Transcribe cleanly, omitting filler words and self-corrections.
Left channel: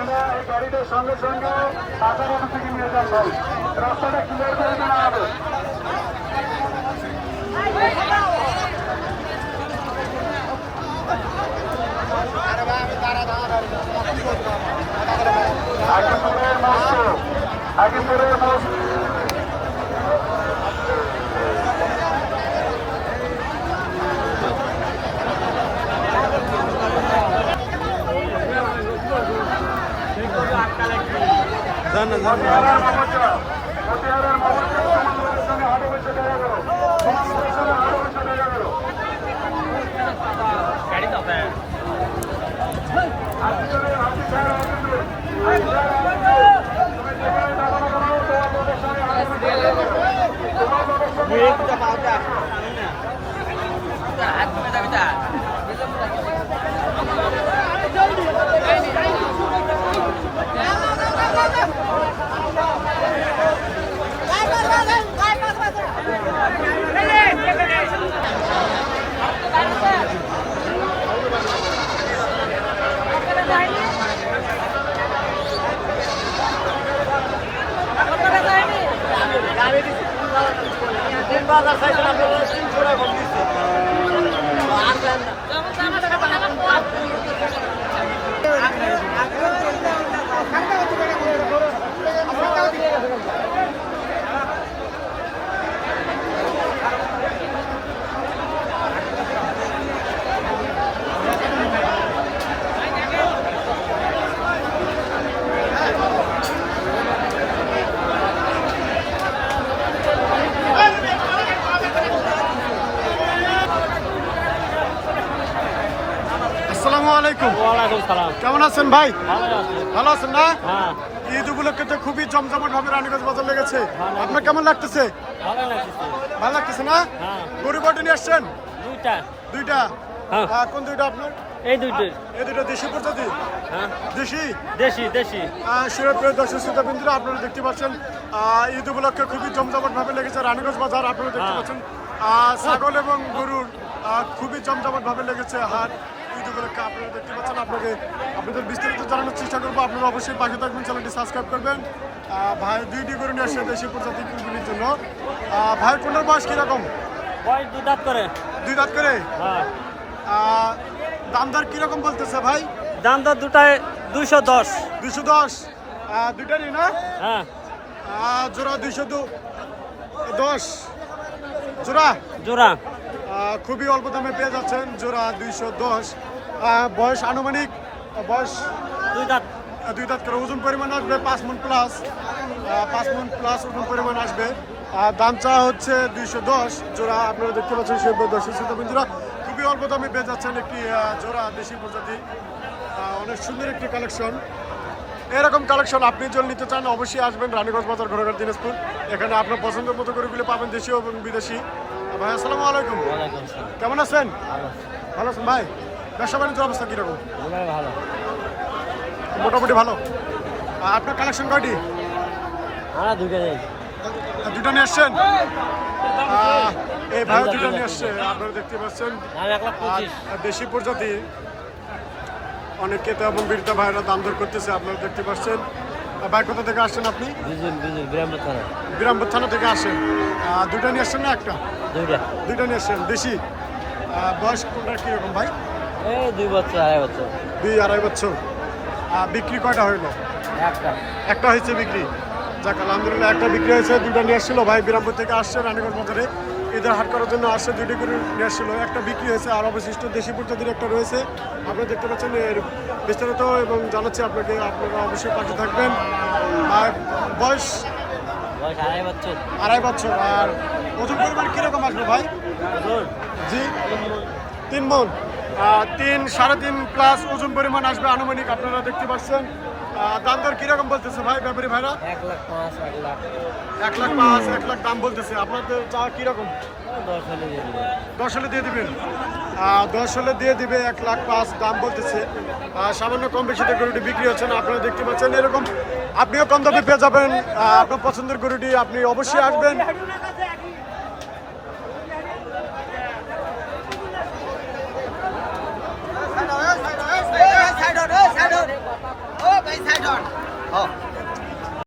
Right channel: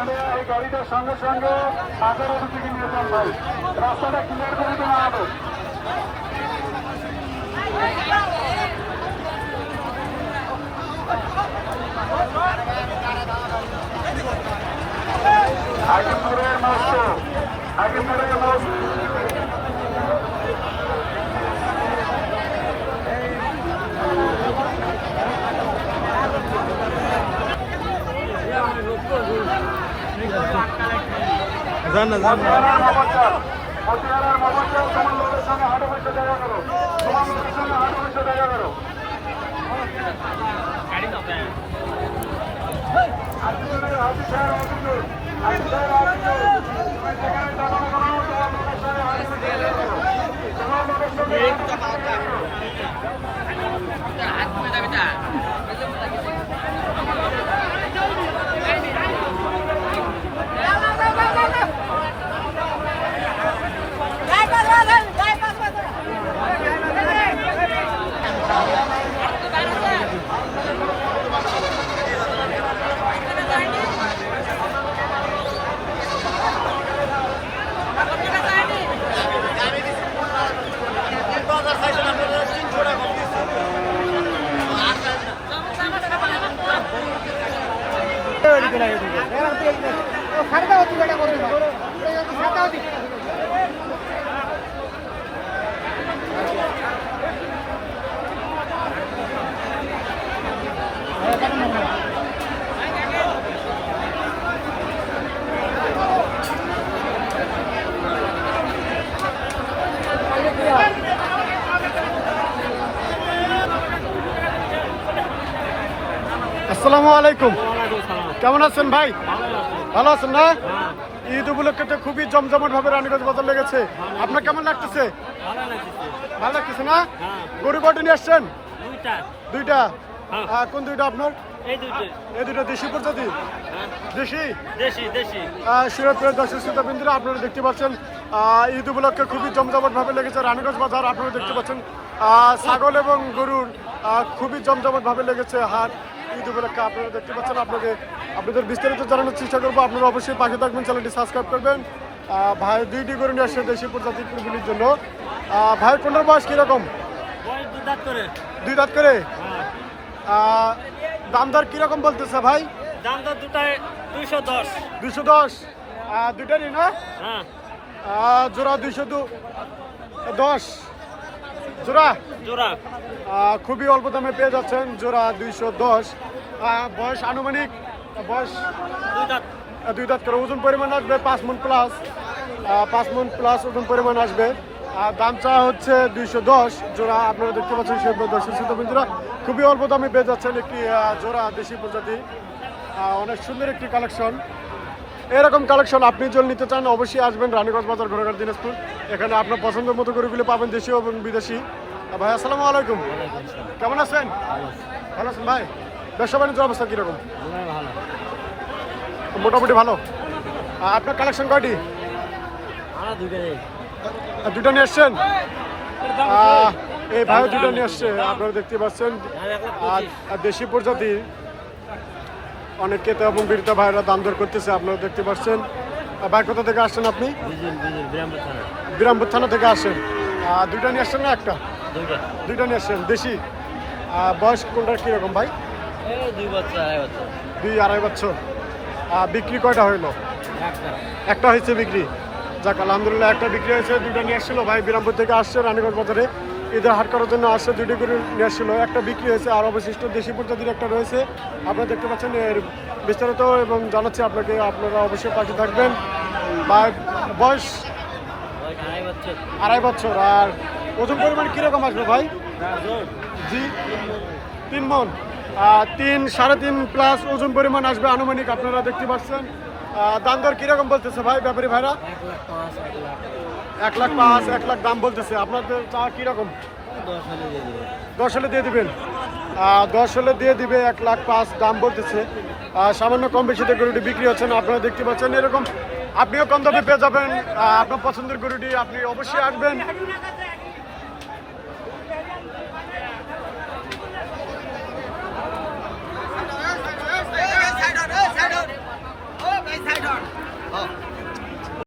আপনারা এই গাড়িটার সঙ্গে সঙ্গে বাজারের দিকে নিয়ে যান ভাই, রাস্তাটা ক্লিয়ার করে দিন আমাদের। আজিমপুরের মস্ত, আজিমপুরের মস্ত মতিহারার মোহাম্মদ, মতিহারার মোহাম্মদ তোমার লোকের সঙ্গে হাটে বসে দেখা গেল, তোমার লোকের সঙ্গে হাটে বসে দেখা গেল। আজিজুরের আজিজার আজিজুর, আজিজার আজিজুর, তুমি যেখানে দাঁড়ানো করো তোমার লোকের সঙ্গে হাটে বসে দেখা গেল, তোমার লোকের সঙ্গে আসসালামু আলাইকুম। কেমন আছেন ভাই? ভালো আছেন না? ঈদ উপলক্ষে তো খুবই জমজমাট ভাবে রানীগঞ্জ বাজার লেগেছে, আপনার কেমন লাগতেছে? ভালো লাগতেছে না? গরু কয়টা নিয়ে আসছেন? দুইটা। কোন দুইটা আপনার? এই দুইটা দেশি প্রজাতি? দেশি। শিরোপ্রিয় দর্শক শ্রোতাবৃন্দরা, আপনারা দেখতে পাচ্ছেন ঈদ উপলক্ষে খুবই জমজমাট ভাবে লেগেছে রানীগঞ্জ বাজার। আপনারা দেখতে পাচ্ছেন ছাগল এবং গরুর খুবই জমজমাট ভাবে লেগেছে হাট ঈদ উপলক্ষে। আপনারা দেখতে পাচ্ছেন, আপনাদের বিস্তারিত জানানোর চেষ্টা করবো। আপনারা অবশ্যই পাশে থাকবেন, চ্যানেলটি সাবস্ক্রাইব করবেন। ভাই দুইটি গরু নিয়ে আসছে দেশি প্রজাতি কুরবানির জন্য। ভাই কোনটার বয়স কিরকম? দুই দাঁত করে। দাম দর কিরকম বলতেছে ভাই? দাম দর দুটায় 210। 210 দুইটারই না? জোড়া 210 জোড়া। খুবই অল্প দামে পেয়ে যাচ্ছেন জোড়া 210। বয়স আনুমানিক বয়স দুই দাঁত করে। ওজন পরিমাণ আসবে 5 মণ প্লাস, 5 মণ প্লাস ওজন পরিমাণ আসবে। দাম চা হচ্ছে 210 জোড়া। আপনারা দেখতে পাচ্ছেন সে দর্শক শ্রোতাবৃন্দরা, খুবই অল্প দামে পেয়ে যাচ্ছেন একটি জোড়া দেশি প্রজাতি। অনেক সুন্দর একটি কালেকশন। এরকম কালেকশন আপনি যদি নিতে চান অবশ্যই আসবেন রানীগঞ্জ বাজার, ঘোড়াঘাট, দিনাজপুর। এখানে আপনার পছন্দের মতো গরুগুলি পাবেন, দেশীয় এবং বিদেশি। ভাই আসসালামু আলাইকুম। কেমন আছেন? ভালো আছেন ভাই? ব্যবসা বাণিজ্যের অবস্থা কিরকম? মোটামুটি ভালো। আপনার কালেকশন কয়টি? দুটা নিয়ে আসছেন? এই ভাইও দুটা নিয়ে আসছে, আপনারা দেখতে পাচ্ছেন। আর দেশি প্রজাতি অনেক ক্রেতা এবং বিক্রেতা ভাইরা দাম দর করতেছে, আপনারা দেখতে পাচ্ছেন। ভাই কোথা থেকে আসছেন আপনি? বিরামপুর থানা থেকে আসেন। দুইটা নিয়ে আসছেন না একটা? দুইটা নিয়ে আসছেন দেশি। বয়স কোনটার কিরকম ভাই? 2-2.5 বছর। বিক্রি কয়টা হইলো? একটা হয়েছে বিক্রি। যাক আলহামদুলিল্লাহ, একটা বিক্রি হয়েছে। দুইটা নিয়ে আসছিল ভাই, বিরামপুর থেকে আসছে রানীগঞ্জ বাজারে ঈদের হাট করার জন্য আসছে। দুইটি করে নিয়ে আসছিল, একটা বিক্রি হয়েছে। আর অবশিষ্ট দেশি প্রজাতির একটা রয়েছে, আপনারা দেখতে পাচ্ছেন। এর বিস্তারিত এবং জানাচ্ছি আপনাকে, আপনারা অবশ্যই পাশে থাকবেন। বয়স 2.5 বছর। আর ওজন পরিমাণ কিরকম আসবে ভাই? জি 3 মণ। 3-3.5 প্লাস ওজন পরিমাণ আসবে আনুমানিক, আপনারা দেখতে পাচ্ছেন। দাম দর কিরকম বলতেছে ভাই ব্যাপারী ভাইরা? 1,05,000 1 লাখ দাম বলতেছে। আপনাদের চা কিরকম? 10 হলে দিয়ে দিবেন। 10 হলে দিয়ে দিবে। 1,05,000 দাম বলতেছে। সামান্য কম বেশিতে গরুটি বিক্রি হচ্ছে না, আপনারা দেখতে পাচ্ছেন। এরকম আপনিও কম দামে পেয়ে যাবেন আপনার পছন্দের গরুটি। আপনি অবশ্যই আসবেন। হ্যাঁ